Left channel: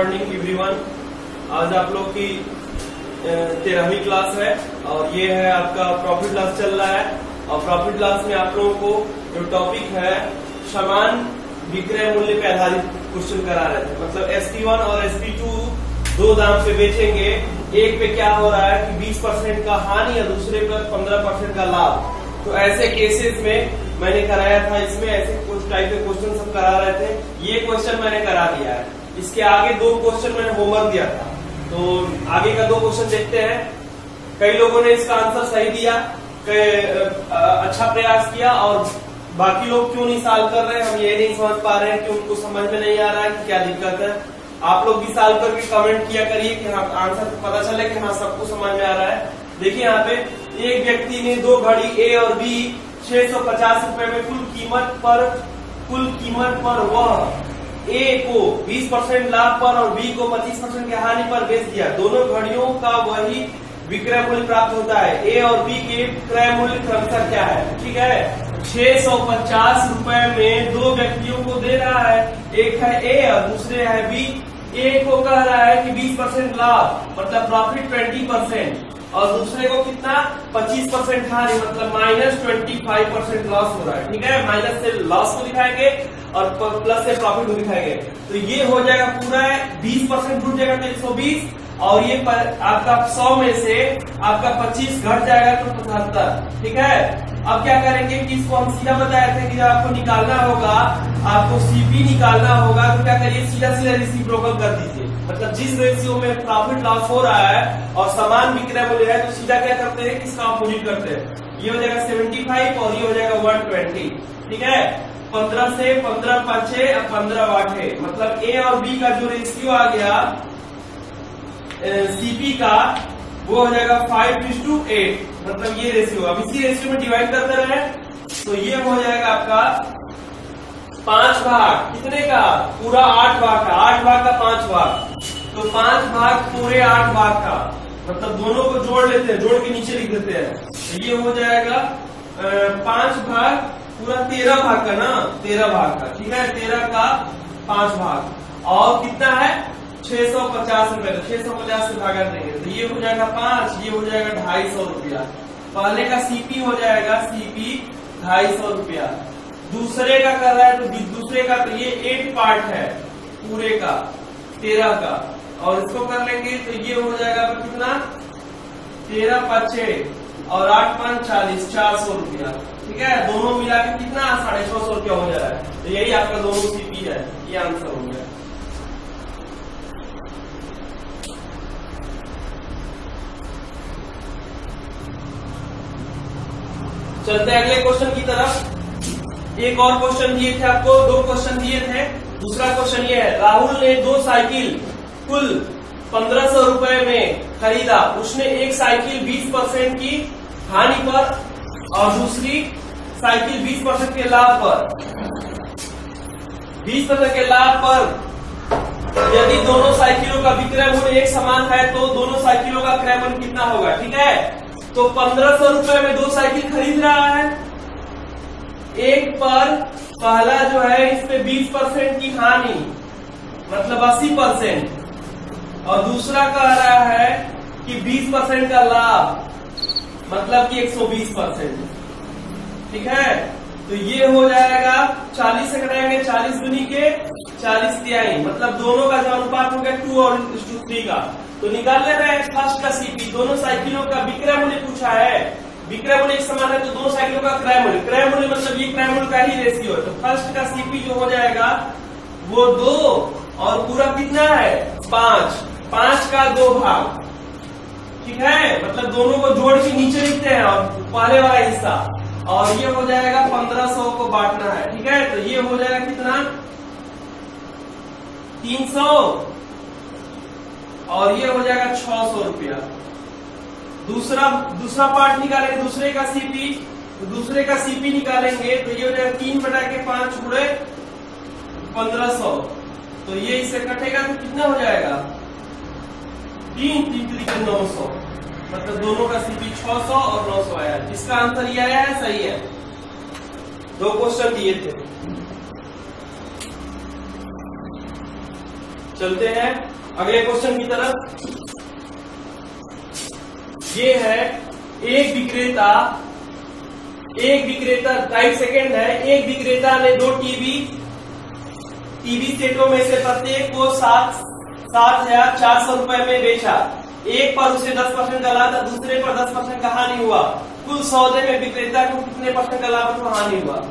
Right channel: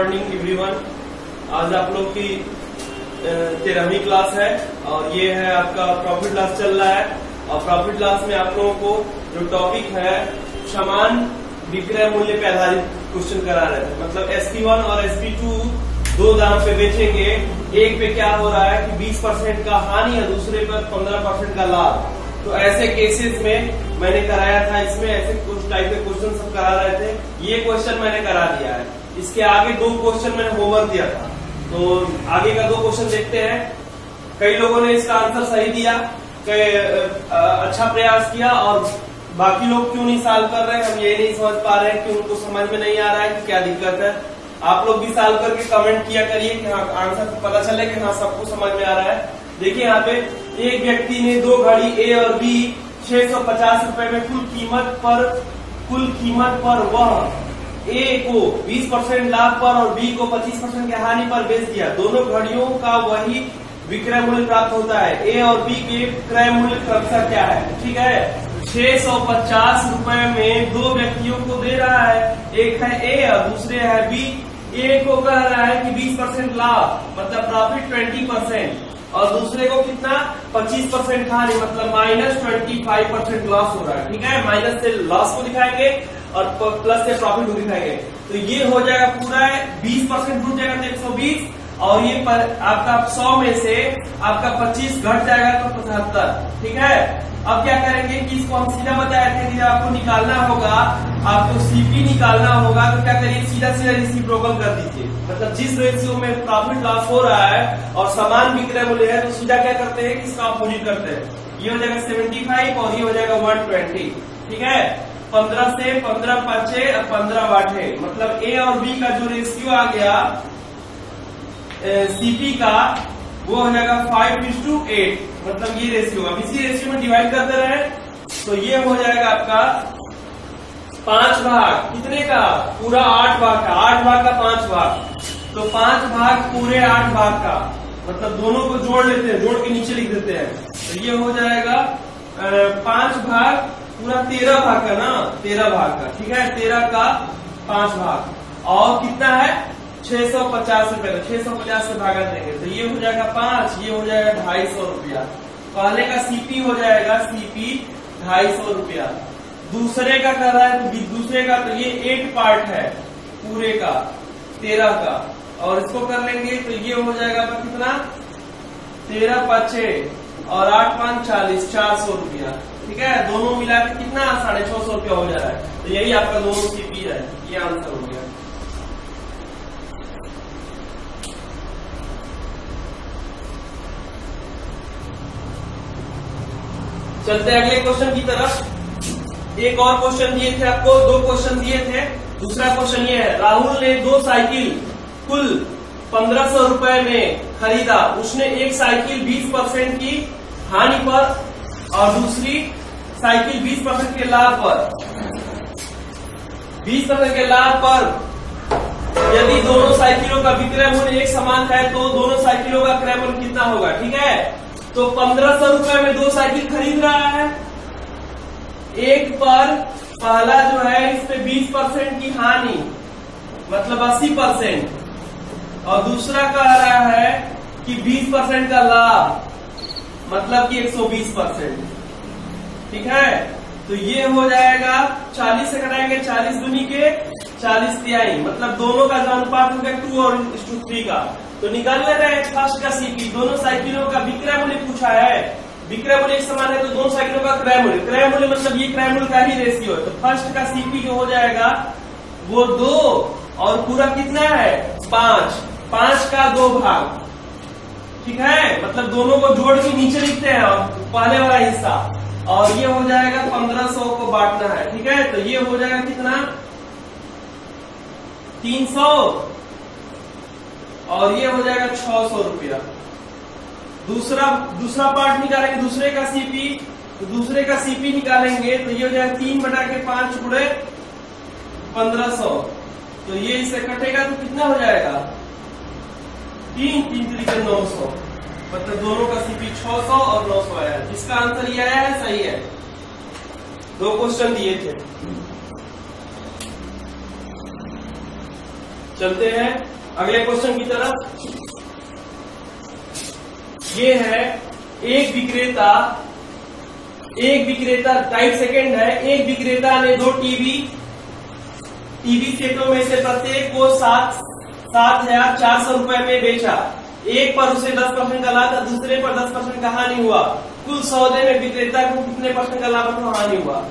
Morning everyone. आज आप लोग की 13वीं क्लास है और ये है आपका प्रॉफिट लॉस चल रहा है। और प्रॉफिट लॉस में आप लोगों को जो टॉपिक है समान विक्रय मूल्य पे आधारित क्वेश्चन करा रहे थे। मतलब SP1 और SP2 दो दाम पे बेचेंगे, एक पे क्या हो रहा है कि 20% का हानि और दूसरे पे 15% का लाभ। तो ऐसे केसेस में मैंने कराया था, इसमें ऐसे कुछ टाइप के क्वेश्चन सब करा रहे थे। ये क्वेश्चन मैंने करा दिया है। इसके आगे दो क्वेश्चन मैंने होमवर्क दिया था, तो आगे का दो क्वेश्चन देखते हैं। कई लोगों ने इसका आंसर सही दिया, अच्छा प्रयास किया, और बाकी लोग क्यों नहीं सॉल्व कर रहे हैं हम ये नहीं समझ पा रहे हैं कि उनको समझ में नहीं आ रहा है कि क्या दिक्कत है। आप लोग भी सॉल्व करके कमेंट किया करिए कि हाँ आंसर पता चले कि हाँ सबको समझ में आ रहा है। देखिए यहाँ पे एक व्यक्ति ने दो घड़ी ए और बी 650 रुपए में कुल कीमत पर वह ए को 20% लाभ पर और बी को 25% की हानि पर बेच दिया। दोनों घड़ियों का वही विक्रय मूल्य प्राप्त होता है। ए और बी के क्रय मूल्य क्रमशः क्या है? ठीक है, 650 रुपए में दो व्यक्तियों को दे रहा है, एक है ए और दूसरे है बी। ए को कह रहा है कि 20% लाभ मतलब प्रॉफिट 20%, और दूसरे को कितना 25% हानि मतलब -25% लॉस हो रहा है। ठीक है, माइनस से लॉस को दिखाएंगे और प्लस से प्रॉफिट को दिखाएंगे। तो ये हो जाएगा पूरा 20% घट जाएगा तो 120, और ये आपका 100 में से आपका 25 घट जाएगा तो 75। ठीक है, अब क्या करेंगे कि इसको हम सीधा बताए थे कि जब आपको निकालना होगा, आपको सीपी निकालना होगा, तो क्या करिए सीधा रेसिप्रोकल कर दीजिए। मतलब जिस रेशियो में प्रॉफिट लॉस हो रहा है और समान विक्रय मूल्य है, तो सीधा क्या करते हैं कि इसका अपोजिट करते हैं। ये हो जाएगा 75 और ये हो जाएगा 120। ठीक है, 15 से 15 5 और 15 8 है। मतलब ए और बी का जो रेशियो आ गया सीपी का, वो हो जाएगा 5:8। मतलब ये रेशियो, अब इसी रेशियो में डिवाइड करते रहे तो ये हो जाएगा आपका 5 भाग कितने का? पूरा 8 भाग का, 8 भाग का 5 भाग, तो 5 भाग पूरे 8 भाग का। मतलब दोनों को जोड़ लेते हैं, जोड़ के नीचे लिख देते हैं, तो ये हो जाएगा 5 भाग पूरा 13 भाग का ना, 13 भाग का। ठीक है, 13 का 5 भाग, और कितना है 650 रुपए। तो 650 से भागा देंगे तो ये हो जाएगा 5, ये हो जाएगा 250 रुपया। पहले का सीपी हो जाएगा सीपी 250 रुपया। दूसरे का कर रहा है तो दूसरे का तो ये 8 पार्ट है पूरे का 13 का, और इसको कर लेंगे तो ये हो जाएगा कितना 13 5 और 8 5 40, 400 रुपया। ठीक है, दोनों मिला के कितना 650 रुपया हो जा रहा है। तो यही आपका दोनों सीपी है, ये आंसर हो गया। चलते हैं अगले क्वेश्चन की तरफ। एक और क्वेश्चन दिए थे आपको, दो क्वेश्चन दिए थे। दूसरा क्वेश्चन ये है, राहुल ने दो साइकिल कुल 1500 रुपए में खरीदा। उसने एक साइकिल 20% की हानि पर और दूसरी साइकिल 20% के लाभ पर। 20% के लाभ पर यदि दोनों साइकिलों का विक्रय मूल्य एक समान है तो दोनों साइकिलों का क्रय मूल्य कितना होगा? ठीक है, तो 1500 रुपए में दो साइकिल खरीद रहा है। एक पर पहला जो है इस पे 20% की हानि मतलब 80%, और दूसरा कह रहा है कि 20% का लाभ मतलब कि 120%। ठीक है, तो ये हो जाएगा 40 से घटाएंगे 40 दूनी के 40 तिहाई, मतलब दोनों का जो अनुपात हो गया 2:3 का। तो निकाल ले रहे हैं फर्स्ट का सीपी। दोनों साइकिलों का विक्रय मूल्य पूछा है, विक्रय मूल्य एक समान है तो दोनों साइकिलों का क्रय मूल्य, क्रय मूल्य मतलब ये क्रय मूल्य का ही रेशियो है। तो फर्स्ट का सीपी जो हो जाएगा वो 2 और पूरा कितना है 5 का 2 भाग। ठीक है, मतलब दोनों को जोड़ के नीचे लिखते हैं और पहले वाला हिस्सा, और ये हो जाएगा 1500 को बांटना है। ठीक है, तो ये हो जाएगा कितना 300 और ये हो जाएगा 600 रुपया। दूसरा पार्ट निकालेंगे, दूसरे का सीपी, तो दूसरे का सीपी निकालेंगे तो ये हो जाएगा 3/5 गुणे 1500। तो ये इससे कटेगा तो कितना हो जाएगा 3 3 900, मतलब दोनों का सीपी 600 और 900 आया। जिसका आंसर ये आया है सही है। दो क्वेश्चन दिए थे। चलते हैं अगले क्वेश्चन की तरफ। ये है एक विक्रेता 2.5 सेकेंड है। एक विक्रेता ने 2 टीवी सेटों में से प्रत्येक को 7,400 रुपए में बेचा। एक पर उसे 10% का लाभ, दूसरे पर 10% का हानि हुआ। कुल सौदे में विक्रेता को कितने % का लाभ अथवा हानि हुआ?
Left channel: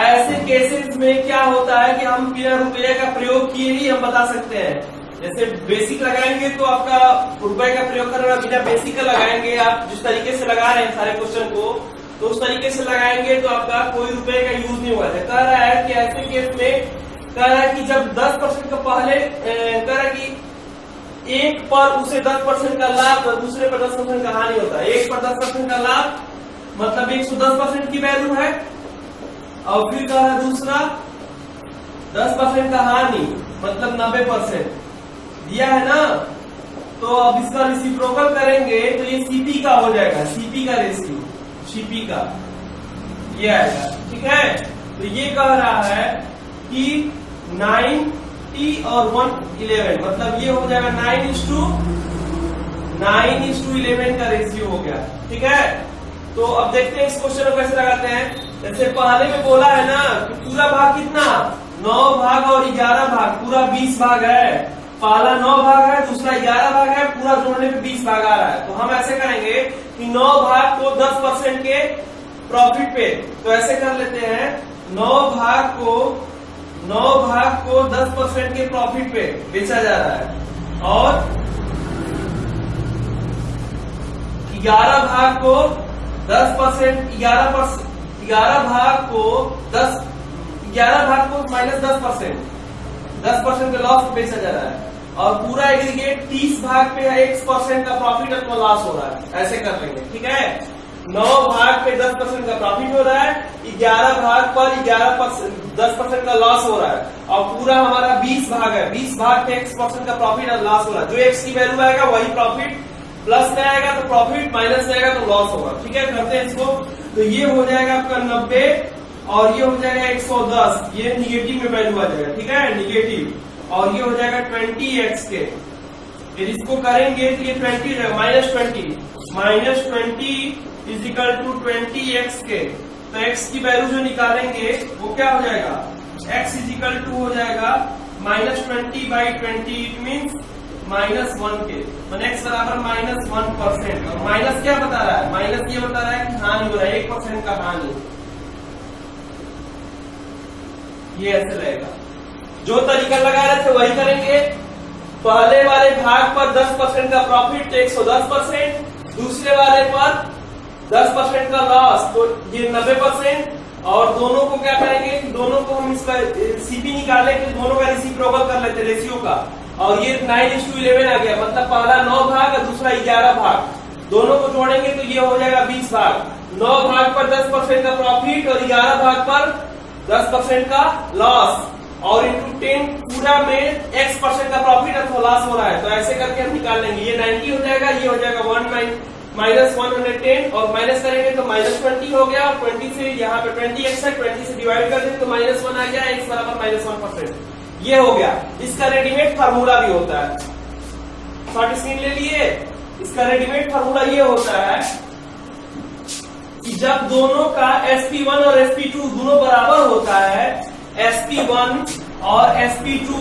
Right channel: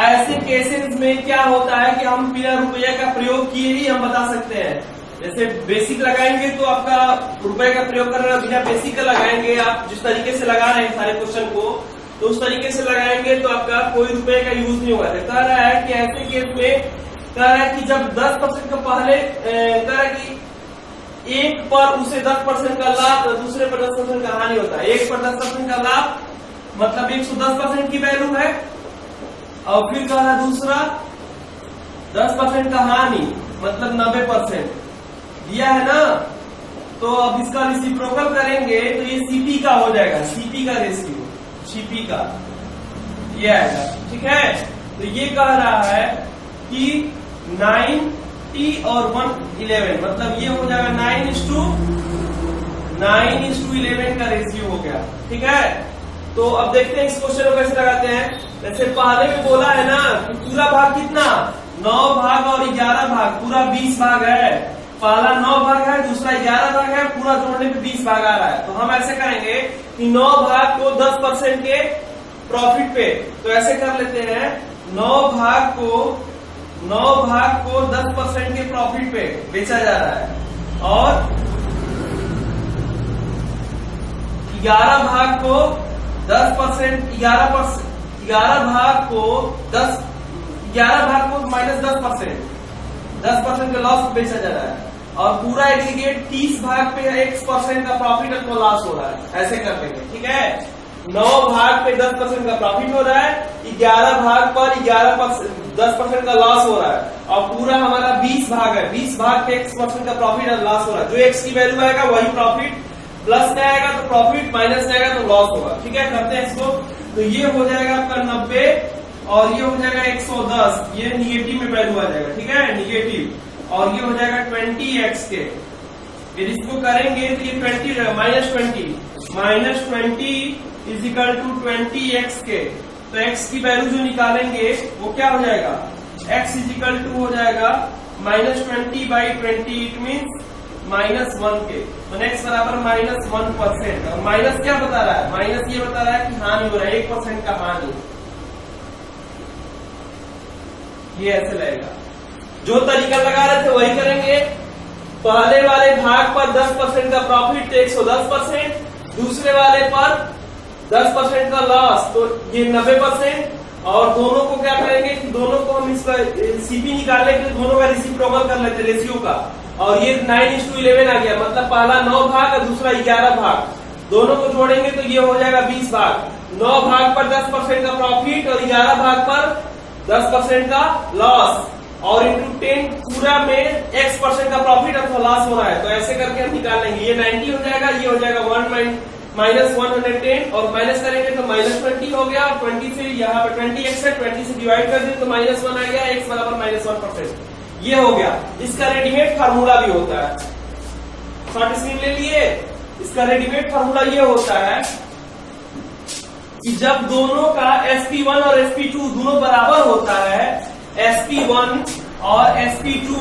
ऐसे केसेस में क्या होता है कि हम बिना रुपये का प्रयोग किए ही हम बता सकते हैं। जैसे बेसिक लगाएंगे तो आपका रुपए का प्रयोग करना, बिना बेसिक का लगाएंगे आप जिस तरीके से लगा रहे हैं सारे क्वेश्चन को, तो उस तरीके से लगाएंगे तो आपका कोई रुपए का यूज नहीं होगा। कह रहा है कि ऐसे केस में कह रहा है कि जब 10% का पहले कह रहा है कि एक पर उसे 10% का लाभ, दूसरे पर 10% का हानि होता है। एक पर 10% का लाभ मतलब 110% की वैल्यू है, और फिर कह रहा है दूसरा 10% का हानि मतलब 90% दिया है ना। तो अब इसका रेसिप्रोकल करेंगे तो ये सीपी का हो जाएगा, सीपी का रेशियो, सीपी का ये आएगा। ठीक है, तो ये कह रहा है कि 90 और 111 मतलब ये हो जाएगा 9:11 का रेशियो हो गया। ठीक है, तो अब देखते हैं इस क्वेश्चन को कैसे लगाते हैं। जैसे पहले में बोला है ना कि पूरा भाग कितना 9 भाग और 11 भाग, पूरा 20 भाग है। पहला 9 भाग है, दूसरा 11 भाग है, पूरा जोड़ने पे 20 भाग आ रहा है। तो हम ऐसे करेंगे कि 9 भाग को 10% के प्रॉफिट पे, तो ऐसे कर लेते हैं 9 भाग को 10% के प्रॉफिट पे बेचा जा रहा है, और 11 भाग को 10%, 11 भाग को -10% का लॉस बेचा जा रहा है, और पूरा एग्रीगेट 30 भाग पे 1% का प्रॉफिट अथवा लॉस हो रहा है। ऐसे कर लेंगे। ठीक है, 9 भाग पे 10% का प्रॉफिट हो रहा है, 11 भाग पर 10% का लॉस हो रहा है, और पूरा हमारा 20 भाग है, 20 भाग पे 1% का प्रॉफिट और लॉस हो रहा है। जो एक्स की वैल्यू आएगा वही प्रॉफिट, प्लस में आएगा तो प्रॉफिट, माइनस में आएगा तो लॉस होगा। ठीक है, करते हैं इसको। तो ये हो जाएगा आपका 90 और ये हो जाएगा 110, ये निगेटिव में वैल्यू आ जाएगा। ठीक है, निगेटिव, और ये हो जाएगा 20x के। यदि इसको करेंगे तो ये 20 इज इक्वल टू 20x के। तो x की वैल्यू जो निकालेंगे वो क्या हो जाएगा, x इज इक्वल टू हो जाएगा -20/20, इट मीन्स -1 के। तो x बराबर -1%। और माइनस क्या बता रहा है, माइनस ये बता रहा है कि हानि हो रहा है, 1% का हानि। ये ऐसे लगेगा। जो तरीका लगा रहे थे वही करेंगे। पहले वाले भाग पर 10% का प्रॉफिट तो 110%, दूसरे वाले पर 10% का लॉस तो ये 90%, और दोनों को क्या करेंगे कि दोनों को हम इस पर सीपी निकालने के लिए दोनों का रेसिप्रोकल कर लेते रेशियो का, और ये 9:11 आ गया। मतलब पहला 9 भाग और दूसरा 11 भाग, दोनों को जोड़ेंगे तो ये हो जाएगा 20 भाग। 9 भाग पर 10% का प्रॉफिट और 11 भाग पर 10% का लॉस, और इंटू 10 पूरा में x% का प्रॉफिट अथवा लॉस हो रहा है। तो ऐसे करके हम निकाल लेंगे। ये 90 हो जाएगा, ये हो जाएगा -110, और माइनस करेंगे तो -20 हो गया, और 20 से यहाँ पे 20x है, 20 से डिवाइड कर दें तो -1 आ गया, x बराबर -1%। ये हो गया। इसका रेडीमेड फार्मूला भी होता है, शॉर्ट स्क्रीन ले लिए। इसका रेडीमेड फार्मूला ये होता है कि जब दोनों का SP1 और SP2 दोनों बराबर होता है, SP1 और SP2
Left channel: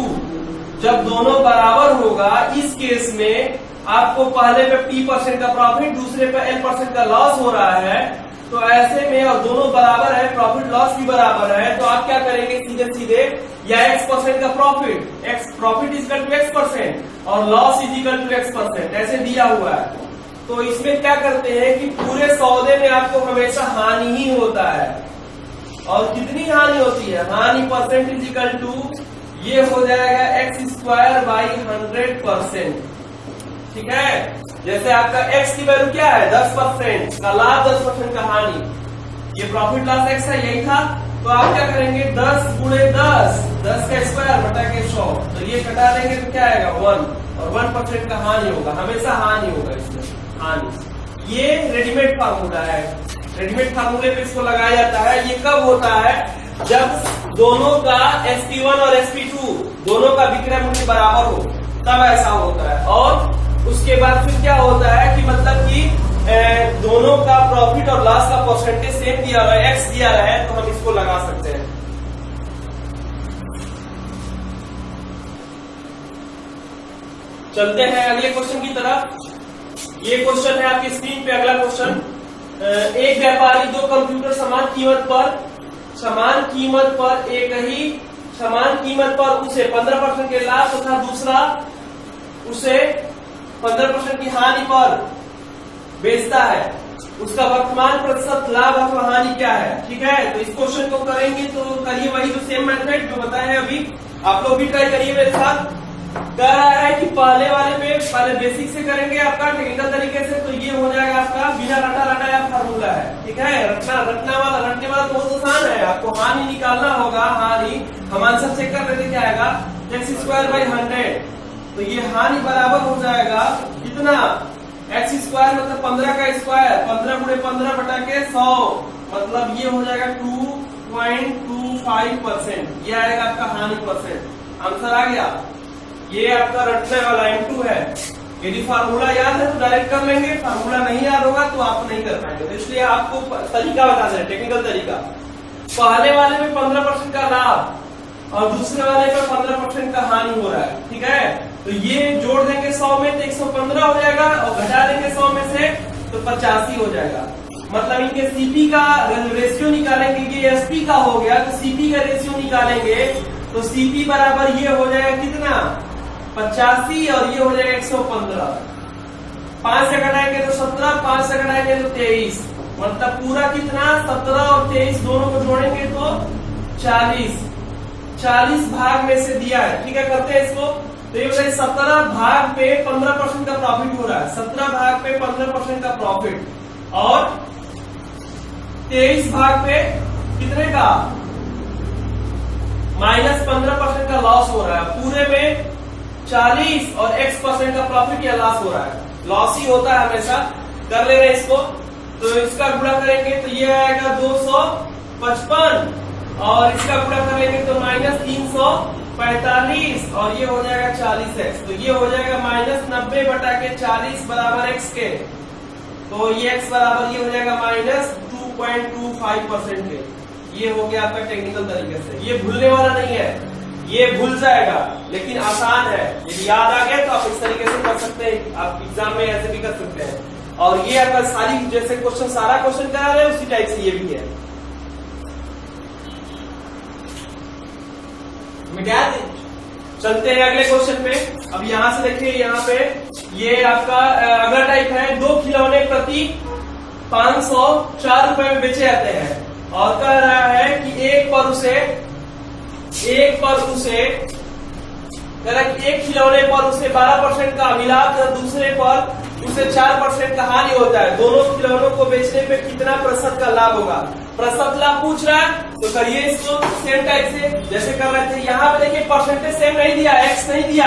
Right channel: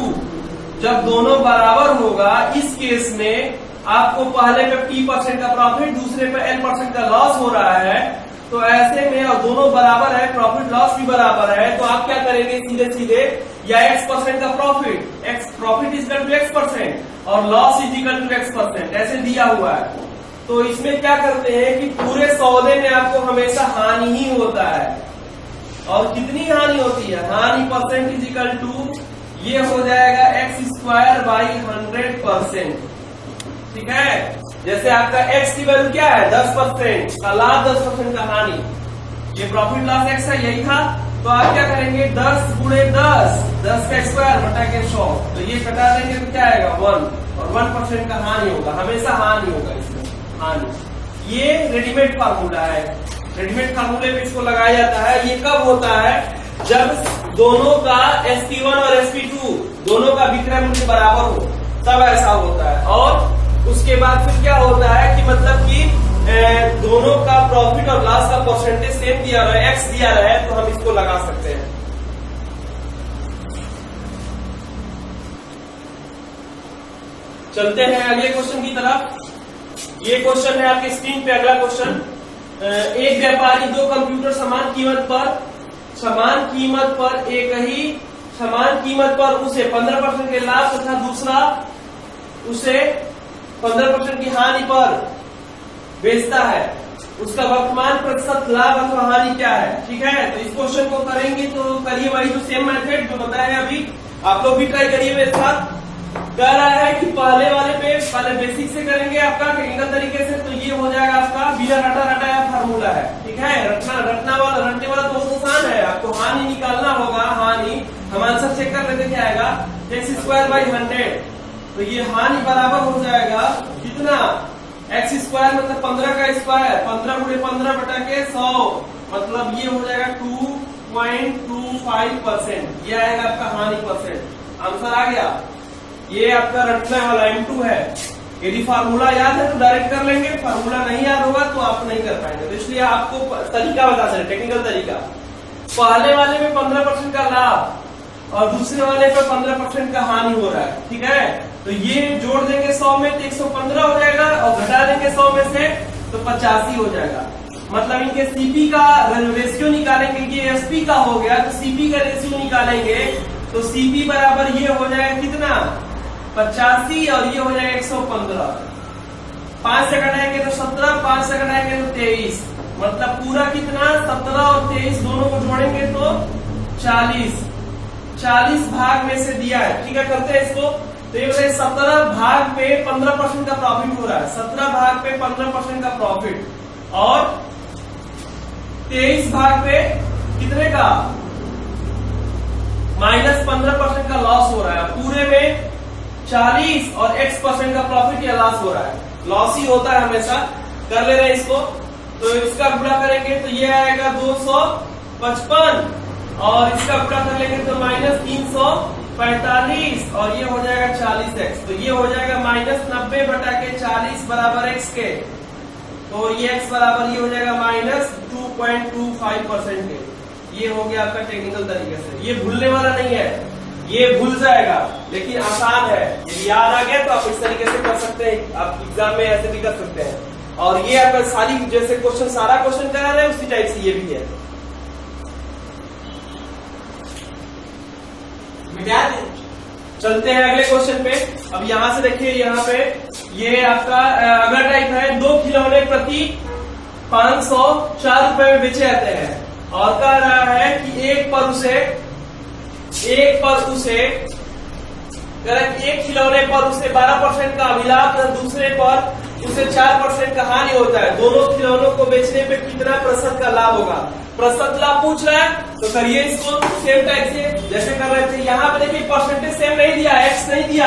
जब दोनों बराबर होगा, इस केस में आपको पहले पे P% का प्रॉफिट, दूसरे पे L% का लॉस हो रहा है। तो ऐसे में और दोनों बराबर है, प्रॉफिट लॉस भी बराबर है, तो आप क्या करेंगे सीधे सीधे, या x% का profit is equal to x% और loss is equal to x%, ऐसे दिया हुआ है। तो इसमें क्या करते हैं कि पूरे सौदे में आपको हमेशा हानि ही होता है। और कितनी हानि होती है, हानि परसेंट इज इक्वल टू ये हो जाएगा x²/100%। ठीक है, जैसे आपका x की वैल्यू क्या है 10% का लाभ, 10% का हानि, ये प्रॉफिट लॉस x है, यही था। तो आप क्या करेंगे 10 × 10 का स्क्वायर बटा के 100, तो ये कटा देंगे तो क्या आएगा 1, और 1% का हानि होगा, हमेशा हानि होगा इसमें, हानि। ये रेडीमेड फार्मूला है, रेडीमेड फार्मूले पे इसको लगाया जाता है। ये कब होता है, जब दोनों का SP1 और SP2 दोनों का विक्रय मूल्य बराबर हो तब ऐसा होता है। और उसके बाद फिर क्या होता है कि मतलब कि दोनों का प्रॉफिट और लॉस का परसेंटेज सेम दिया रहा है, एक्स दिया रहा है, तो हम इसको लगा सकते हैं। चलते हैं अगले क्वेश्चन की तरफ। ये क्वेश्चन है आपकी स्क्रीन पे। अगला क्वेश्चन, एक व्यापारी दो कंप्यूटर समान कीमत पर उसे 15% के लाभ तथा दूसरा उसे 15% की हानि पर बेचता है। उसका वर्तमान प्रतिशत लाभ अथवा हानि क्या है? ठीक है, तो इस क्वेश्चन को करेंगे तो करिए वही जो सेम मेथड जो बताया है अभी, आप लोग भी ट्राई करिए मेरे साथ। कह रहा है कि पहले वाले पे पहले बेसिक से करेंगे आपका टेक्निकल तरीके से, तो ये हो जाएगा आपका बिना रटाया फार्मूला है। ठीक है, रटने वाला तो बहुत आसान है। आपको हानि निकालना होगा। हानि हम आंसर चेक कर लेते क्या आएगा, x²/100। तो ये हानि बराबर हो जाएगा कितना, x² मतलब 15 का स्क्वायर, 15 × 15/100, मतलब ये हो जाएगा 2.25%। ये आएगा आपका हानि परसेंट। आंसर आ गया। ये आपका रटने वाला M2 है। यदि फार्मूला याद है तो डायरेक्ट कर लेंगे, फार्मूला नहीं याद होगा तो आप नहीं कर पाएंगे। तो इसलिए आपको तरीका बता दें, टेक्निकल तरीका। पहले वाले में 15% का लाभ और दूसरे वाले पे 15% का हानि हो रहा है। ठीक है, तो ये जोड़ देंगे 100 में तो 115 हो जाएगा, और घटा देंगे 100 में से तो 85 हो जाएगा। मतलब इनके सीपी का रेशियो निकालेंगे, ये एसपी का हो गया तो सीपी का रेशियो निकालेंगे, तो सीपी बराबर ये हो जाएगा कितना, 85, और ये हो जाएगा 115। 5 से घटाएंगे तो 17, 5 से घटाएंगे तो 23, मतलब पूरा कितना 17 और 23 दोनों को जोड़ेंगे तो 40 भाग में से दिया है। ठीक है, करते हैं इसको। तो ये 17 भाग पे 15% का प्रॉफिट हो रहा है, 17 भाग पे 15% का प्रॉफिट, और 23 भाग पे कितने का, -15% का लॉस हो रहा है। पूरे में 40 और x% का प्रॉफिट या लॉस हो रहा है। लॉस ही होता है हमेशा। कर ले रहे हैं इसको, तो इसका गुणा करेंगे तो ये आएगा 255, और इसका गुणा कर लेंगे तो -345, और ये हो जाएगा 40x। तो ये हो जाएगा -90/40 बराबर x के। तो ये x बराबर ये हो जाएगा -2.25% के। ये हो गया आपका टेक्निकल तरीके से। ये भूलने वाला नहीं है, ये भूल जाएगा, लेकिन आसान है। यदि याद आ गया तो आप इस तरीके से कर सकते हैं, आप एग्जाम में ऐसे भी कर सकते हैं। और ये आपका सारी जैसे क्वेश्चन सारा क्वेश्चन करा रहे हैं उसी टाइप से ये भी है। चलते हैं अगले क्वेश्चन पे। अब यहाँ से देखिए, यहाँ पे ये आपका अगला टाइप है, 2 खिलौने प्रति 504 रुपए में बेचे जाते हैं, और कह रहा है कि एक पर उसे एक खिलौने पर उसे 12% का मिलाप और दूसरे पर उसे 4% का हानि होता है। दोनों खिलौनों को बेचने पे कितना प्रतिशत का लाभ होगा? प्रतिशत लाभ पूछ रहा है, तो करिए इसको सेम टाइप से जैसे कर रहे थे। यहाँ पे देखिए परसेंटेज सेम नहीं दिया, एक्स नहीं दिया,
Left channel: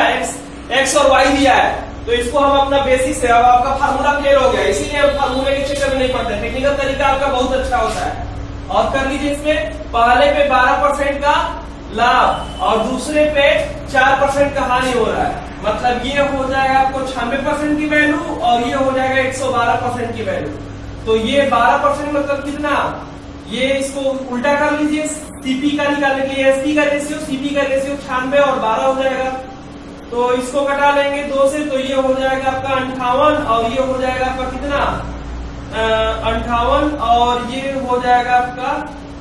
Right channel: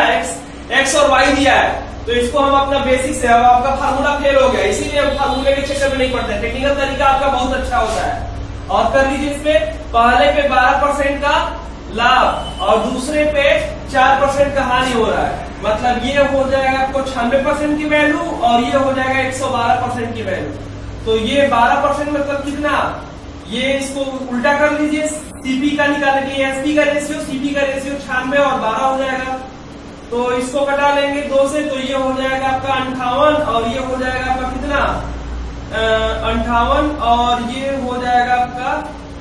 एक्स और वाई दिया है, तो इसको हम अपना बेसिक से, अब आपका फार्मूला फेल हो गया, इसीलिए हम फार्मूले के चक्कर में नहीं पड़ते। टेक्निकल तरीका आपका बहुत अच्छा होता है। और कर लीजिए इसमें, पहले पे 12% का लाभ और दूसरे पे 4% का हानि हो रहा है, मतलब ये हो जाएगा आपको 96% की वैल्यू, और ये हो जाएगा 112% की वैल्यू। तो ये 12% मतलब कितना, ये इसको उल्टा कर लीजिए, सीपी का निकालने के लिए एसपी का रेशियो, सीपी का रेशियो 96 और 12 हो जाएगा। तो इसको कटा लेंगे 2 से, तो ये हो जाएगा आपका 58, और ये हो जाएगा आपका कितना 58, और ये हो जाएगा आपका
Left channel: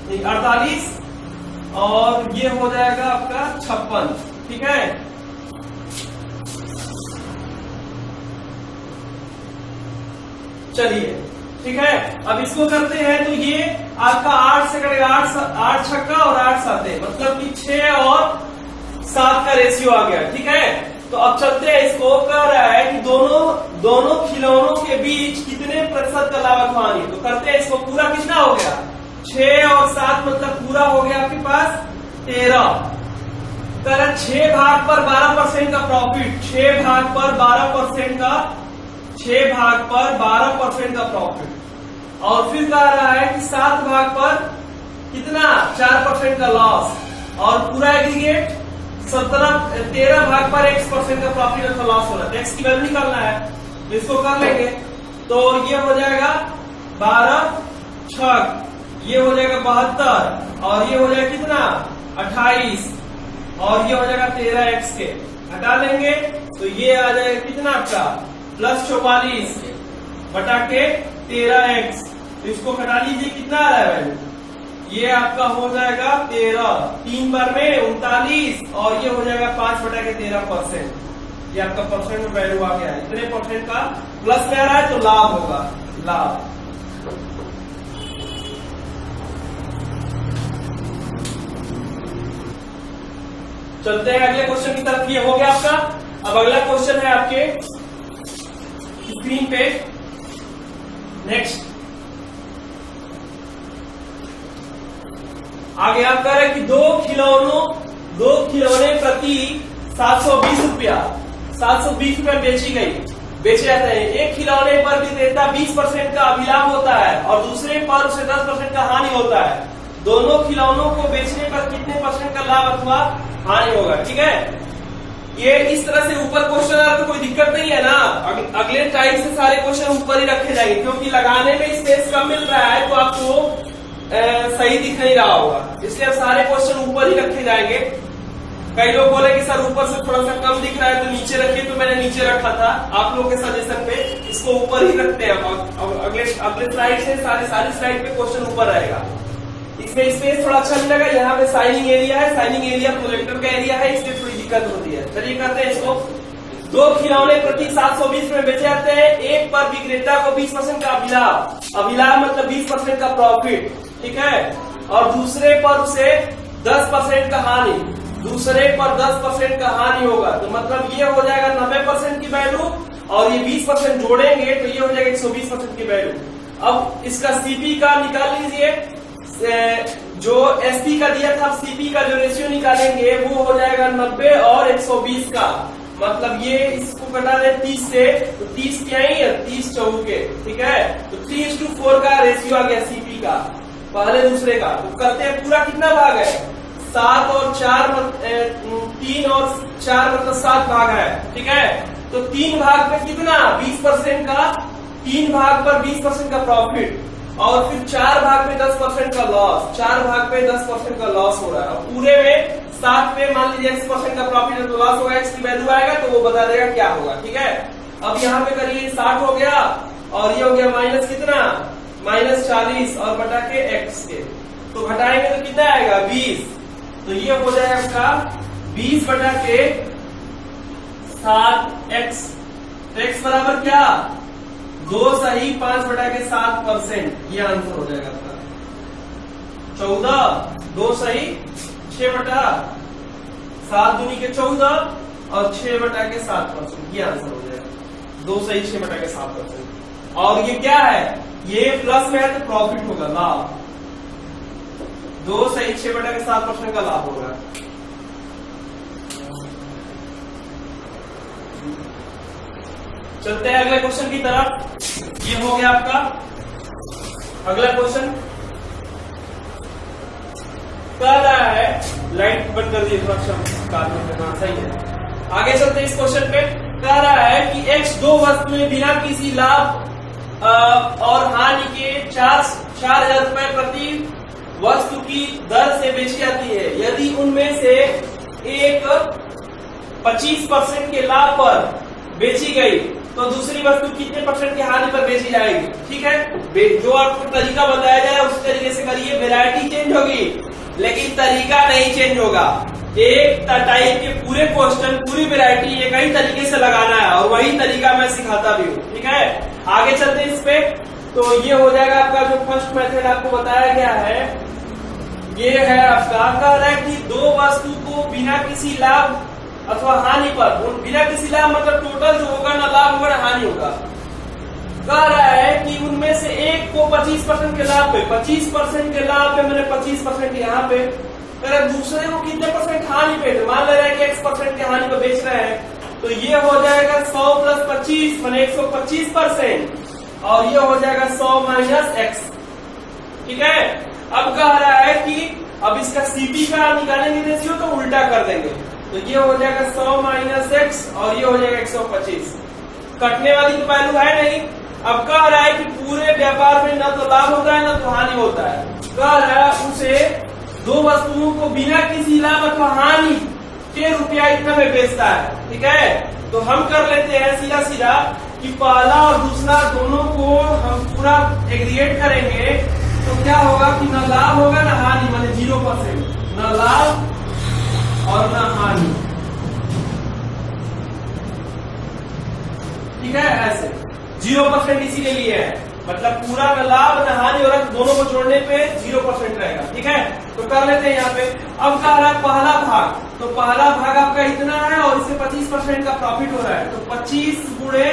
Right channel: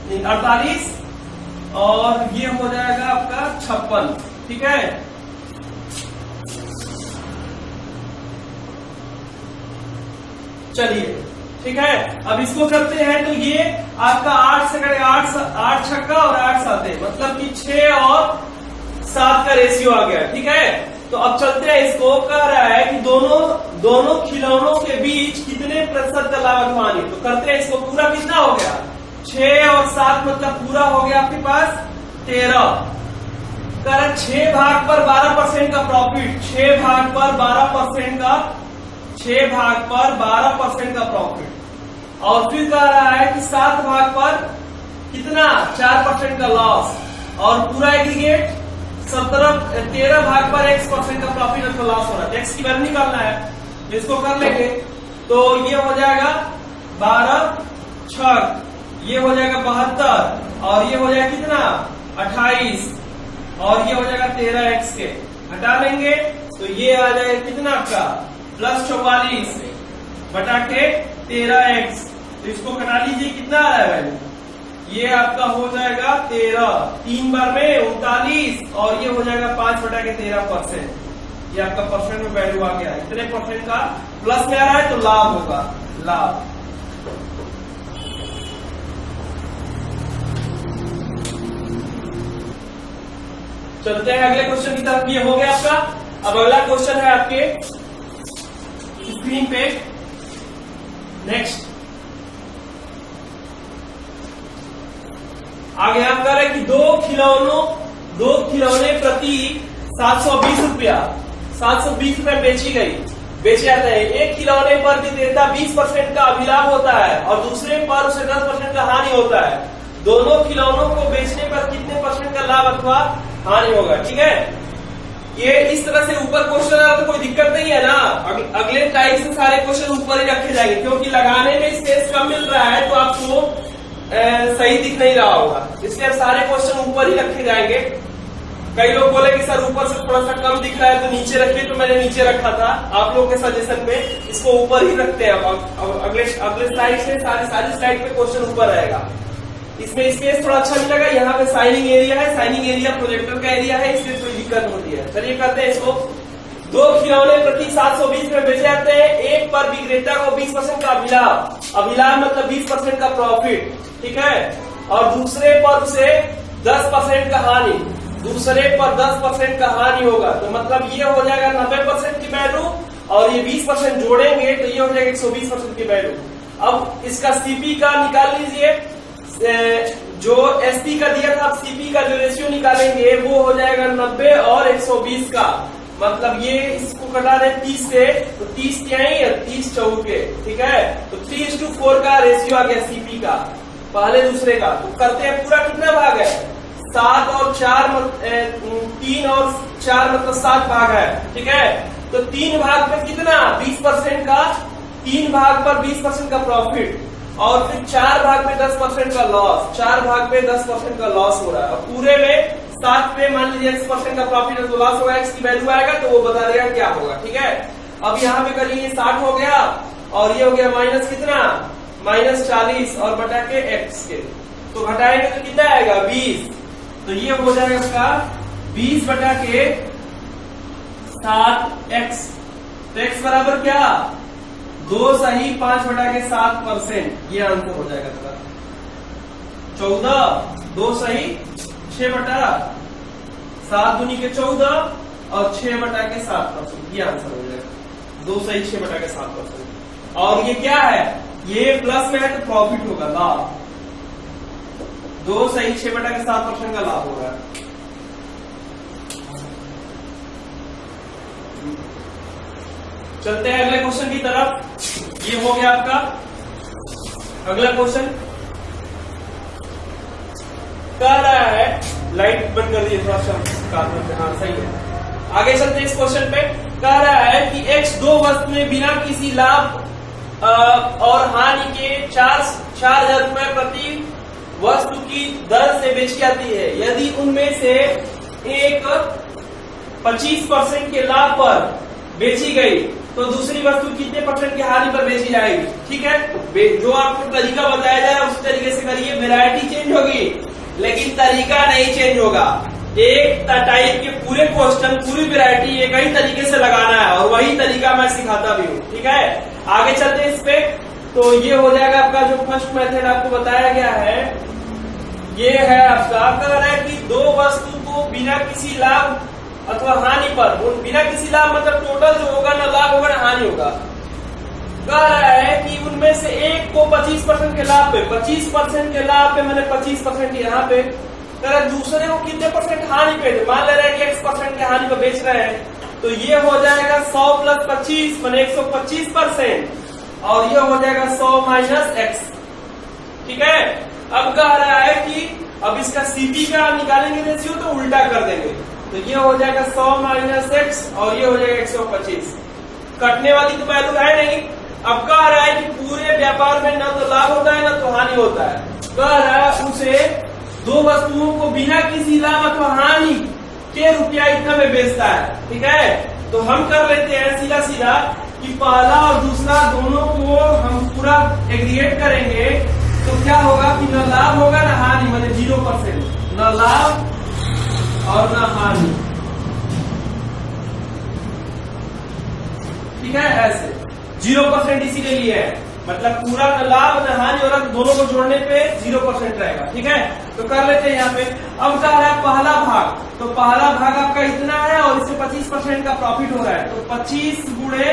48, और ये हो जाएगा आपका 56। ठीक है, चलिए ठीक है। अब इसको करते हैं, तो ये आपका 8 से करेगा, 8 छक्का और 8 साते, मतलब कि 6 और 7 का रेशियो आ गया। ठीक है, तो अब चलते हैं, इसको कह रहा है कि दोनों खिलौनों के बीच कितने प्रतिशत का लाभ अथवा हानि। तो करते हैं इसको, पूरा कितना हो गया 6 और 7, मतलब पूरा हो गया आपके पास 13। कर 6 भाग पर 12% का प्रॉफिट, 6 भाग पर 12% का प्रॉफिट, और फिर कह रहा है कि 7 भाग पर कितना 4% का लॉस, और पूरा एग्रीगेट 13 भाग पर x% का प्रॉफिट अथवा लॉस हो रहा है, x की वैल्यू निकालना है, तो इसको कर लेंगे। तो ये हो जाएगा 12 6, ये हो जाएगा 72 और ये हो जाएगा कितना 28 और ये हो जाएगा 13x के हटा लेंगे तो ये आ जाएगा कितना आपका +44 बटा के 13x। तो इसको घटा लीजिए, कितना आ रहा है वैल्यू, ये आपका हो जाएगा 13, 3 बार में 39 और ये हो जाएगा 5 बटा के 13%। ये आपका परसेंट में वैल्यू आ गया, इतने परसेंट का प्लस में आ रहा है तो लाभ होगा, लाभ। चलते हैं अगले क्वेश्चन की तरफ। ये हो गया आपका। अब अगला क्वेश्चन है आपके स्क्रीन पे, नेक्स्ट आगे आप कह रहे हैं कि दो खिलौने प्रति 720 रुपया बेचे जाते हैं। एक खिलौने पर विक्रेता 20% का अभिलाभ होता है और दूसरे पर उसे 10% का हानि होता है। दोनों खिलौनों को बेचने पर कितने % का लाभ अथवा हानि होगा? ठीक है, ये इस तरह से ऊपर क्वेश्चन आ रहा तो कोई दिक्कत नहीं है ना। अगले टाइप से सारे क्वेश्चन ऊपर ही रखे जाएंगे, क्योंकि लगाने में स्पेस कम मिल रहा है तो आपको सही दिख नहीं रहा होगा, इसलिए सारे क्वेश्चन ऊपर ही रखे जाएंगे। कई लोग बोले कि सर ऊपर से थोड़ा सा कम दिख रहा है तो नीचे रखिए, तो मैंने नीचे रखा था। आप लोग के सजेशन पे इसको ऊपर ही रखते हैं। अब अगले स्लाइड से सारी स्लाइड पे क्वेश्चन ऊपर रहेगा। इसमें स्पेस थोड़ा अच्छा मिलेगा। यहाँ पे साइनिंग एरिया है, साइनिंग एरिया प्रोजेक्टर का एरिया है, इसलिए थोड़ी दिक्कत होती है। चलिए करते हैं इसको। दो खिलौने प्रति 720 में बेचे जाते हैं। एक पर विक्रेता को 20% का अभिलाभ मतलब 20% का प्रॉफिट, ठीक है, और दूसरे पर उसे 10% का हानि, दूसरे पर 10% का हानि होगा। तो मतलब ये हो जाएगा 90% की वैल्यू और ये 20% जोड़ेंगे तो ये हो जाएगा 120% की वैल्यू। अब इसका सीपी का निकाल लीजिए, जो एसपी का दिया था, सीपी का जो रेशियो निकालेंगे वो हो जाएगा 90 और 120 का। मतलब ये इसको कटा दे 30 से, तो 30 क्या ही 30 चौके, ठीक है। तो 3:4 का रेशियो आ गया सीपी का, पहले दूसरे का। तो करते हैं पूरा कितना भाग है, 7 और 4 3 और 4 मतलब 7 भाग है, ठीक है। तो 3 भाग पे कितना 20% का, 3 भाग पर 20% का प्रॉफिट और फिर 4 भाग में 10% का लॉस, 4 भाग पे 10% का लॉस हो रहा है। और पूरे में 7 पे मान लीजिए 10% का प्रॉफिट है तो लॉस होगा, इसकी वैल्यू आएगा तो वो बता देगा क्या होगा, ठीक है। अब यहाँ पे करिए 60 हो गया और ये हो गया माइनस कितना, -40 और बटा के x के, तो घटाएंगे तो कितना आएगा 20। तो ये हो जाएगा इसका 20 बटा के 7x। तो x बराबर क्या, 2 सही 5 बटा के 7%। ये आंसर हो जाएगा आपका 14, 2 सही 6 बटा 7 दूनी के 14 और 6 बटा के 7%। ये आंसर हो जाएगा 2 सही 6 बटा के 7%। और ये क्या है, ये प्लस में है तो प्रॉफिट होगा, लाभ। 2 सही 6 बटा के 7% का लाभ होगा। चलते हैं अगले क्वेश्चन की तरफ। ये हो गया आपका अगला क्वेश्चन। कह रहा है, लाइट बंद कर दिए थोड़ा सा कार्बन पे, हाँ सही है। आगे चलते हैं इस क्वेश्चन पे। कह रहा है कि x दो वस्तुएं बिना किसी लाभ और हानि के 4,000 रुपए प्रति वस्तु की दर से बेची जाती है। यदि उनमें से एक 25% के लाभ पर बेची गई तो दूसरी वस्तु कितने % की हानि पर बेची जाएगी, ठीक है। जो आपको तरीका बताया जाए उस तरीके से करिए। वैरायटी चेंज होगी लेकिन तरीका नहीं चेंज होगा। एक टाइप के पूरे क्वेश्चन, पूरी वैरायटी एक ही तरीके से लगाना है और वही तरीका मैं सिखाता भी हूँ, ठीक है। आगे चलते हैं इस पे। तो ये हो जाएगा आपका जो फर्स्ट मेथड आपको बताया गया है, ये है आपका। कह रहा है कि दो वस्तु को बिना किसी लाभ अथवा हानि पर, बिना किसी लाभ मतलब टोटल जो होगा ना लाभ होगा ना हानि होगा। कह रहा है कि उनमें से एक को 25% के लाभ पे, 25% के लाभ पे मैंने 25% यहाँ पे, दूसरे को कितने % हानि पे, मान ले रहा है कि x% के हानि पे बेच रहे हैं। तो ये हो जाएगा 100 + 25 माने 125% और ये हो जाएगा 100 - x, ठीक है। अब कह रहा है कि अब इसका सीपी का निकालेंगे रेशियो तो उल्टा कर देंगे। तो ये हो जाएगा 100 माइनस एक्स और ये हो जाएगा 125। कटने वाली तो वैल्यू है नहीं। अब कह रहा है कि पूरे व्यापार में ना तो लाभ होता है ना तो हानि होता है। कह रहा है उसे दो वस्तुओं को बिना किसी लाभ अथवा हानि के रुपया इतना में बेचता है। ठीक है, तो हम कर लेते हैं सीधा सीधा कि पहला और दूसरा दोनों को हम पूरा एग्रीगेट करेंगे तो क्या होगा कि ना लाभ होगा ना हानि, माने 0%, न लाभ और न हानि। ठीक है, ऐसे 0% इसीलिए लिए है, मतलब पूरा न लाभ न हानि और दोनों को जोड़ने पे 0% रहेगा। ठीक है, तो कर लेते हैं यहाँ पे। अब कह रहा है पहला भाग, तो पहला भाग आपका इतना है और इससे 25% का प्रॉफिट हो रहा है, तो 25 गुणे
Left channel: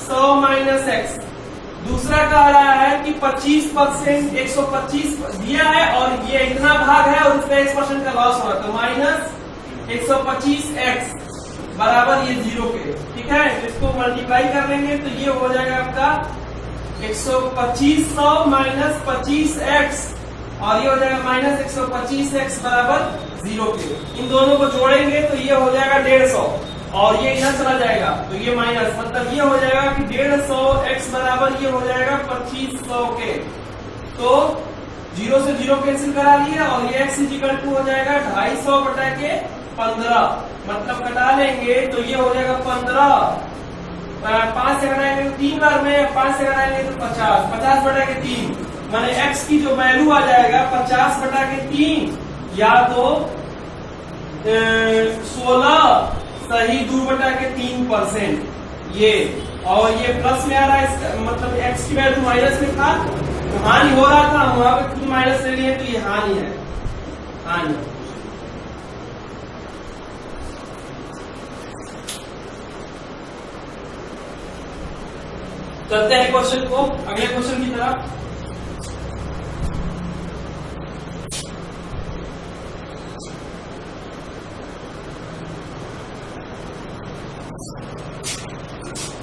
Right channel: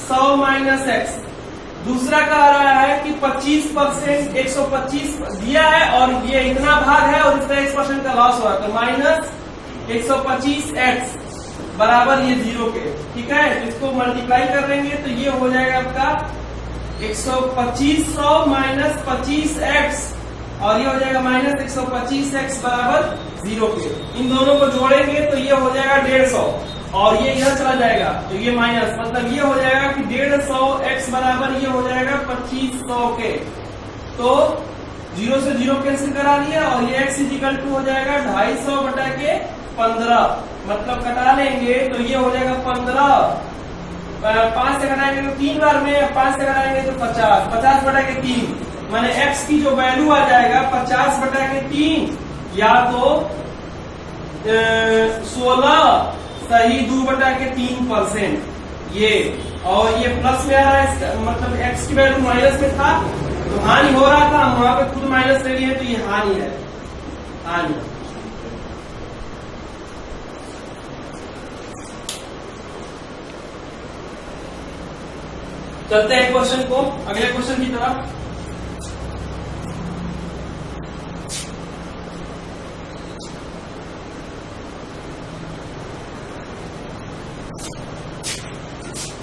100 माइनस एक्स। दूसरा कह रहा है कि 25% 125 दिया है और ये इतना भाग है और इसका 1% का लॉस हो रहा है, तो माइनस 125x बराबर ये 0 के। ठीक है, तो इसको मल्टीप्लाई कर लेंगे तो ये हो जाएगा आपका 125 माइनस 25x और ये हो जाएगा माइनस 125x बराबर 0 के। इन दोनों को जोड़ेंगे तो ये हो जाएगा 150 और ये इधर चला जाएगा तो ये माइनस, मतलब ये हो जाएगा कि 150x बराबर ये हो जाएगा 2500 के। तो 0 से 0 कैंसिल करा लिए और ये x इक्वल टू हो जाएगा 250 बटा के 15, मतलब कटा लेंगे तो ये हो जाएगा 15। 5 से घटाएंगे तो 3 बार में, 5 से घटाएंगे तो 50, 50 बटा के 3, माने x की जो वैल्यू आ जाएगा 50 बटा के 3 या तो 16 सही 2 बटा के 3% ये, और ये प्लस में आ रहा है इसका मतलब x की वैल्यू माइनस में था तो हानि हो रहा था, हम वहां पे खुद माइनस ले लिए तो ये हानि है, हानि। चलते हैं क्वेश्चन को, अगले क्वेश्चन की तरफ।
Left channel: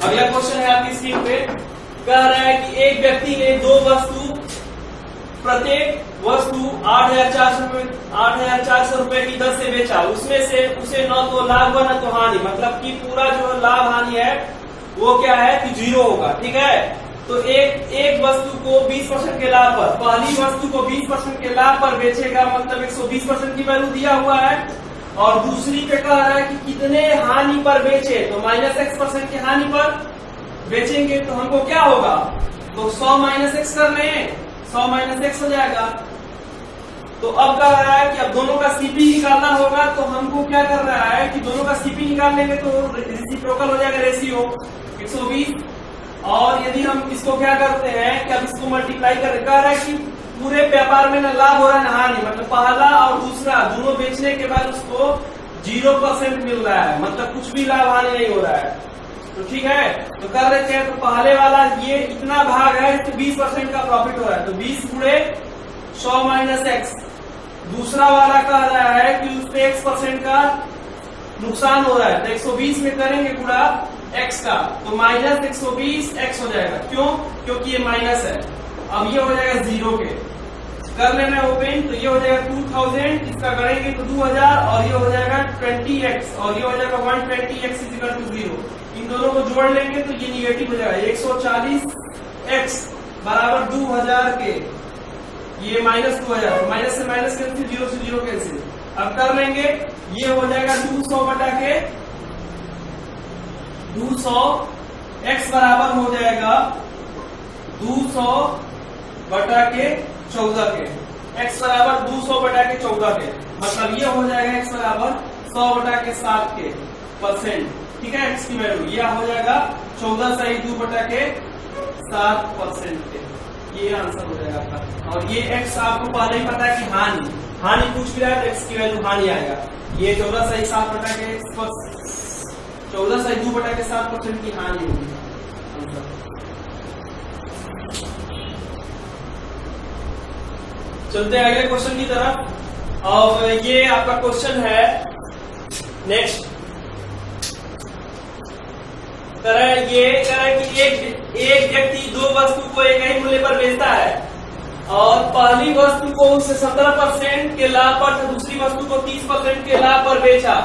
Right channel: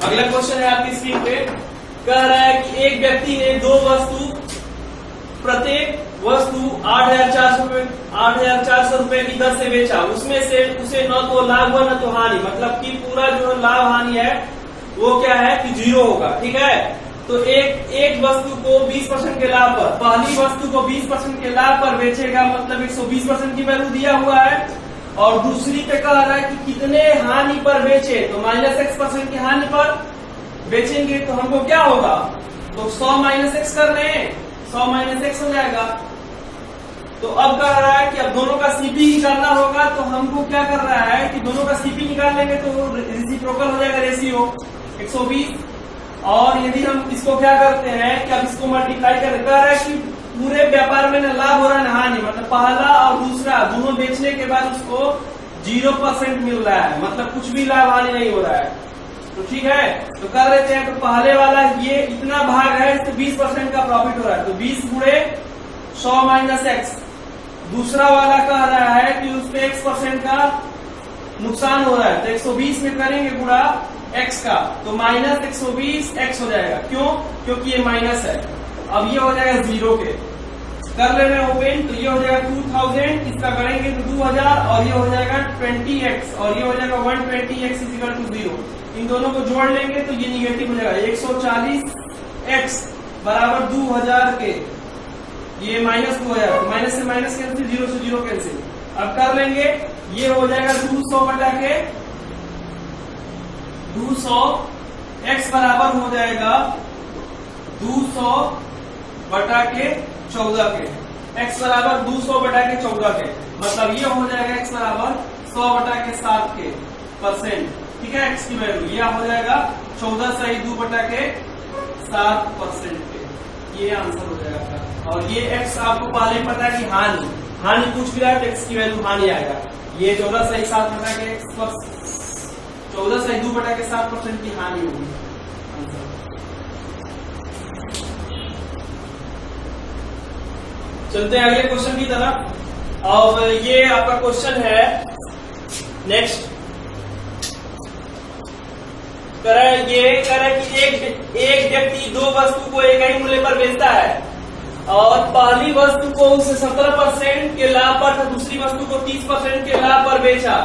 अगला क्वेश्चन है आपकी स्क्रीन पे, कह रहा है कि एक व्यक्ति ने दो वस्तु, प्रत्येक वस्तु 8,400 रुपए की दर से बेचा। उसमें से उसे न तो लाभ हुआ न तो हानि, मतलब कि पूरा जो लाभ हानि है वो क्या है कि 0 होगा। ठीक है, तो एक वस्तु को 20% के लाभ पर, पहली वस्तु को 20% के लाभ पर बेचेगा, मतलब 120% की वैल्यू दिया हुआ है, और दूसरी पे कह रहा है कि कितने हानि पर बेचे, तो -x% की हानि पर बेचेंगे तो हमको क्या होगा, तो 100 माइनस एक्स कर लें, 100 माइनस एक्स हो जाएगा। तो अब कह रहा है कि अब दोनों का सीपी निकालना होगा, तो हमको क्या कर रहा है कि दोनों का सीपी निकाल लेंगे तो रेसिप्रोकल हो जाएगा, रेशियो 120। और यदि हम इसको क्या करते हैं कि अब इसको मल्टीप्लाई कर रहा है कि पूरे व्यापार में न लाभ हो रहा है न हानि, मतलब पहला और दूसरा दोनों बेचने के बाद उसको 0% मिल रहा है, मतलब कुछ भी लाभ हानि नहीं हो रहा है। तो ठीक है, तो कर लेते हैं। तो पहले वाला ये इतना भाग है, इसको 20% का प्रॉफिट हो रहा है, तो 20 गुणे 100 माइनस एक्स। दूसरा वाला कह रहा है कि उस पे x% का नुकसान हो रहा है, तो 120 में करेंगे गुणा x का, तो माइनस 120x हो जाएगा। क्यों? क्योंकि ये माइनस है। अब ये हो जाएगा 0 के, कर लेना ओपन, तो ये हो जाएगा 2000, इसका करेंगे तो 2000 और ये हो जाएगा 20x और ये हो जाएगा 120x इज इक्वल टू 0। इन दोनों को जोड़ लेंगे तो ये निगेटिव हो जाएगा, 140x बराबर 2000 के, ये माइनस 2000, माइनस से माइनस कैंसिल, 0 से 0 कैंसिल। अब कर लेंगे, ये हो जाएगा 200 बटा के 200x बराबर हो जाएगा 200 बटा के 14 के, x बराबर 200 बटा के 14 के, मतलब ये हो जाएगा x बराबर 100 बटा के 7 के परसेंट। ठीक है, x की वैल्यू यह हो जाएगा 14 सही 2 बटा के 7% के, ये आंसर हो जाएगा आपका। और ये x आपको पहले ही पता है कि हानि पूछ भी रहा है तो x की वैल्यू हानि आएगा। ये 14 सही 7 बटा के 14 सही 2 बटा के 7% की हानि होगी आंसर। चलते हैं अगले क्वेश्चन की तरफ। और ये आपका क्वेश्चन है नेक्स्ट, कह रहा है कि एक व्यक्ति दो वस्तु को एक ही मूल्य पर बेचता है और पहली वस्तु को उसे 17% के लाभ पर, दूसरी वस्तु को 30% के लाभ पर बेचा।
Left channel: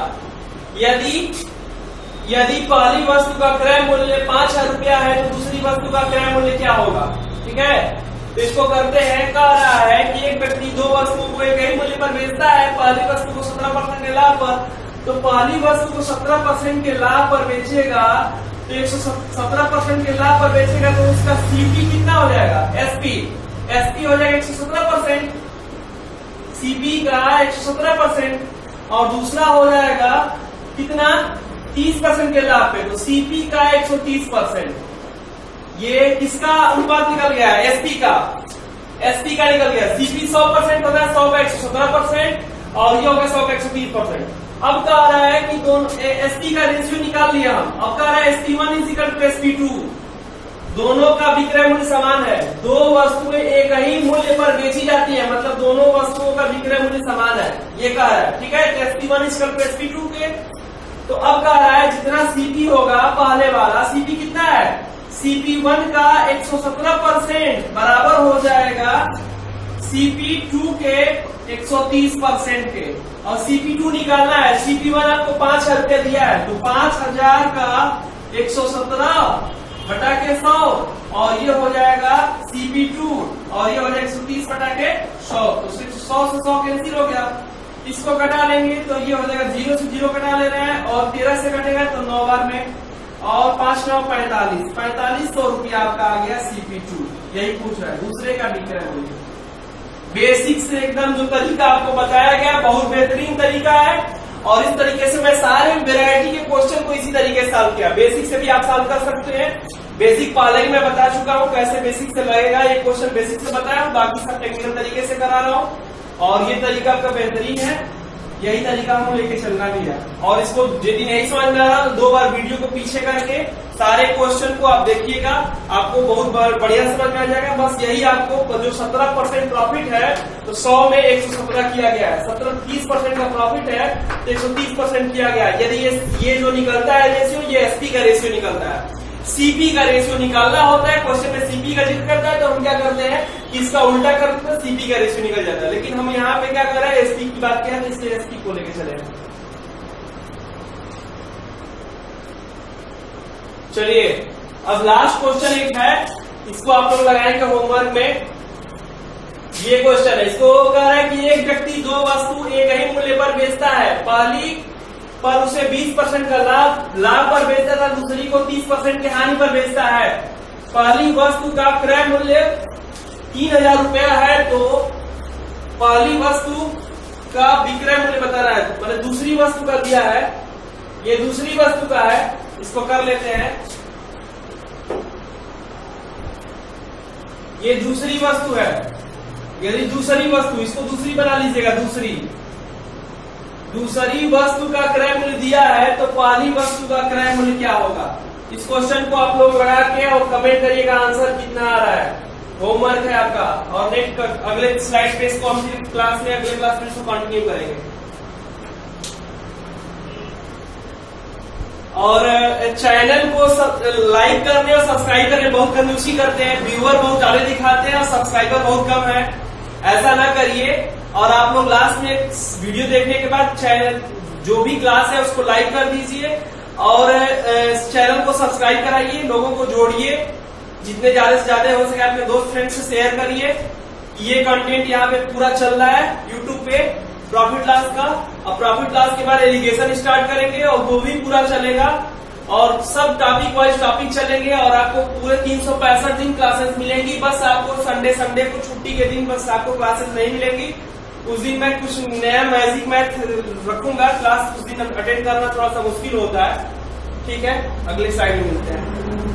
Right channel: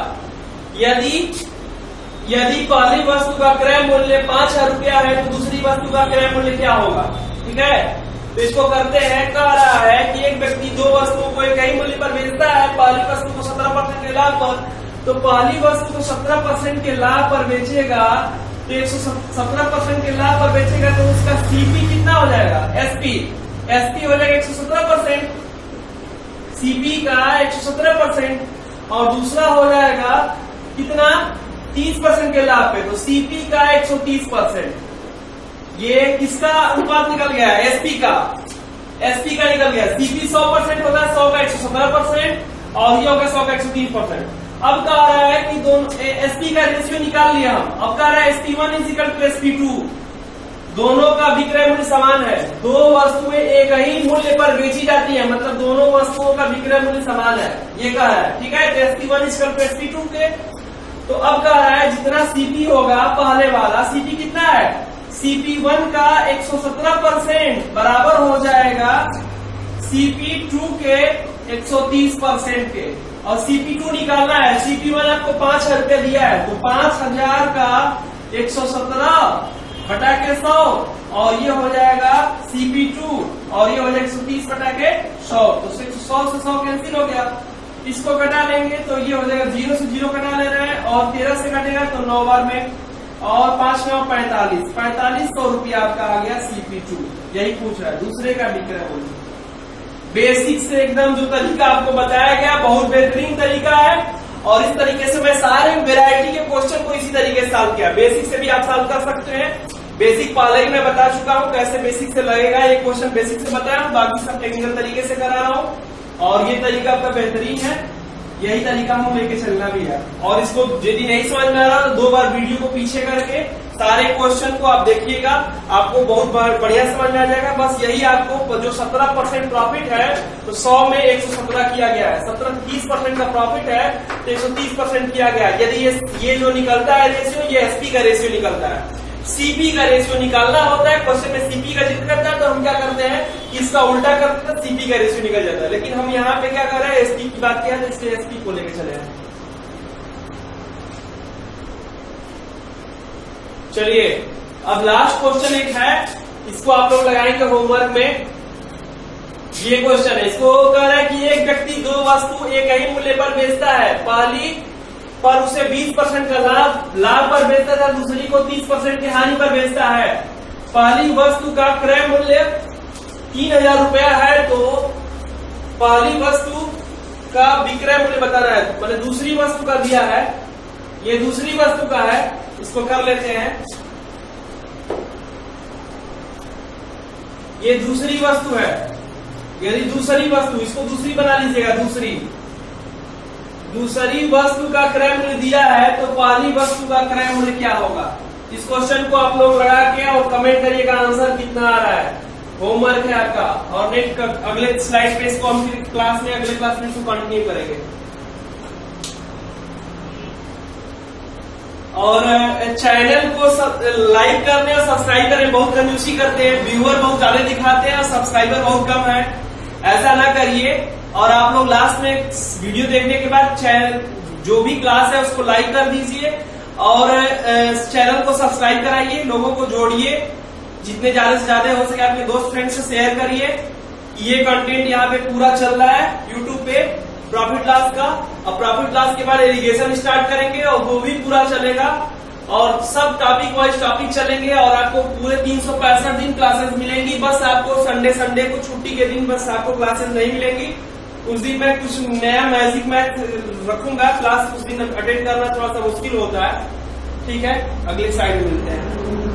यदि पहली वस्तु का क्रय मूल्य 5,000 रुपया है तो दूसरी वस्तु का क्रय मूल्य क्या होगा? ठीक है, तो इसको करते हैं। कह रहा है कि एक व्यक्ति दो वस्तुओं को एक ही मूल्य पर बेचता है, पहली वस्तु को 17% के लाभ पर, तो पहली वस्तु को 17% के लाभ पर बेचेगा, तो 117% के लाभ पर बेचेगा, तो उसका सीपी कितना हो जाएगा? एसपी हो जाएगा 117%, सीपी का 117%, और दूसरा हो जाएगा कितना? 30% के लाभ पे, तो सीपी का 130%। ये किसका अनुपात निकल गया है? एसपी का निकल गया। सीपी 100% होगा, 100 का 117%, और ये होगा 100 का 130%। अब कह रहा है कि दोनों एसपी का रेशियो निकाल लिया हम। अब कह रहा है SP1 = SP2, दोनों का विक्रय मूल्य समान है। दो वस्तुएं एक ही मूल्य पर बेची जाती है, मतलब दोनों वस्तुओं का विक्रय मूल्य समान है, ये कह रहा है। ठीक है, तो SP1 = SP2 के। तो अब कह रहा है जितना सीपी होगा पहले वाला, सीपी कितना है? CP1 का 117% बराबर हो जाएगा CP2 के 130% के, और CP2 निकालना है। CP1 आपको 5,000 रुपया दिया है, तो 5,000 का 117 बटा के 100, और ये हो जाएगा CP2, और ये हो जाएगा 130 बटा के 100, तो 100 से 100 कैंसिल हो गया। इसको घटा लेंगे तो ये हो जाएगा 0 से 0 घटा ले रहा है, और 13 से घटेगा तो 9 बार में, और 5 9 4500 रुपया आपका आ गया CP2। यही पूछ रहा है, दूसरे का विक्रय मूल्य। बेसिक से एकदम जो तरीका आपको बताया गया बहुत बेहतरीन तरीका है, और इस तरीके से मैं सारे वैरायटी के क्वेश्चन को इसी तरीके से सॉल्व किया। बेसिक से भी आप सॉल्व कर सकते हैं। बेसिक पहले ही मैं बता चुका हूँ कैसे बेसिक से लगेगा, ये क्वेश्चन बेसिक से बताया, बाकी सब टेक्निकल तरीके से करा रहा हूँ, और ये तरीका आपका बेहतरीन है। यही तरीका हमको लेके चलना भी है। और इसको यदि नहीं समझ में आ रहा तो 2 बार वीडियो को पीछे करके सारे क्वेश्चन को आप देखिएगा, आपको बहुत बढ़िया समझ में आ जाएगा। बस यही आपको जो 17% प्रॉफिट है, तो 100 में 117 किया गया है, 30% का प्रॉफिट है तो 130% किया गया है। यदि ये जो निकलता है रेशियो, ये एसपी का रेशियो निकलता है। सीपी का रेशियो निकालना होता है, क्वेश्चन में सीपी का जिक्र करता है, तो हम क्या करते हैं कि इसका उल्टा करते हैं, सीपी का रेशियो निकल जाता है। लेकिन हम यहाँ पे क्या कर रहे हैं, एसपी की बात किया है, तो इसलिए एसपी को लेके चले हैं। चलिए अब लास्ट क्वेश्चन एक है, इसको आप लोग लगाएंगे होमवर्क में। ये क्वेश्चन है, इसको कह रहा है कि एक व्यक्ति दो वस्तु एक ही मूल्य पर बेचता है, पहली पर उसे 20% का लाभ पर बेचता था, दूसरी को 30% की हानि पर बेचता है। पहली वस्तु का क्रय मूल्य 3,000 रुपया है, तो पहली वस्तु का विक्रय मूल्य बता रहा है, मतलब दूसरी वस्तु का दिया है, ये दूसरी वस्तु का है। इसको कर लेते हैं, ये दूसरी वस्तु है, यदि दूसरी वस्तु, इसको दूसरी बना लीजिएगा, दूसरी वस्तु का क्रय मूल्य दिया है, तो पहली वस्तु का क्रय मूल्य क्या होगा? इस क्वेश्चन को आप लोग लगा के और कमेंट करिएगा आंसर कितना आ रहा है। होमवर्क है आपका, और नेक्स्ट अगले स्लाइड पे इसको हम क्लास में, अगले क्लास में इसको कंटिन्यू करेंगे। और चैनल को लाइक करने और सब्सक्राइब करने बहुत कंजूसी करते हैं, व्यूअर बहुत ज्यादा दिखाते हैं और सब्सक्राइबर बहुत कम है, ऐसा ना करिए। और आप लोग लास्ट में वीडियो देखने के बाद चैनल जो भी क्लास है उसको लाइक कर दीजिए, और चैनल को सब्सक्राइब कराइए, लोगों को जोड़िए, जितने ज्यादा से ज्यादा हो सके अपने दोस्त फ्रेंड से शेयर करिए। ये कंटेंट यहाँ पे पूरा चल रहा है यूट्यूब पे प्रॉफिट लॉस का, और प्रॉफिट लॉस के बाद एलिगेशन स्टार्ट करेंगे, और वो भी पूरा चलेगा, और सब टॉपिक वाइज टॉपिक चलेंगे, और आपको पूरे 365 दिन क्लासेस मिलेंगी। बस आपको संडे को छुट्टी के दिन बस आपको क्लासेस नहीं मिलेंगी, उस दिन मैं कुछ नया मैजिक मैथ रखूंगा क्लास, उस दिन अटेंड करना थोड़ा सा मुश्किल होता है। ठीक है, अगले स्लाइड में मिलते हैं।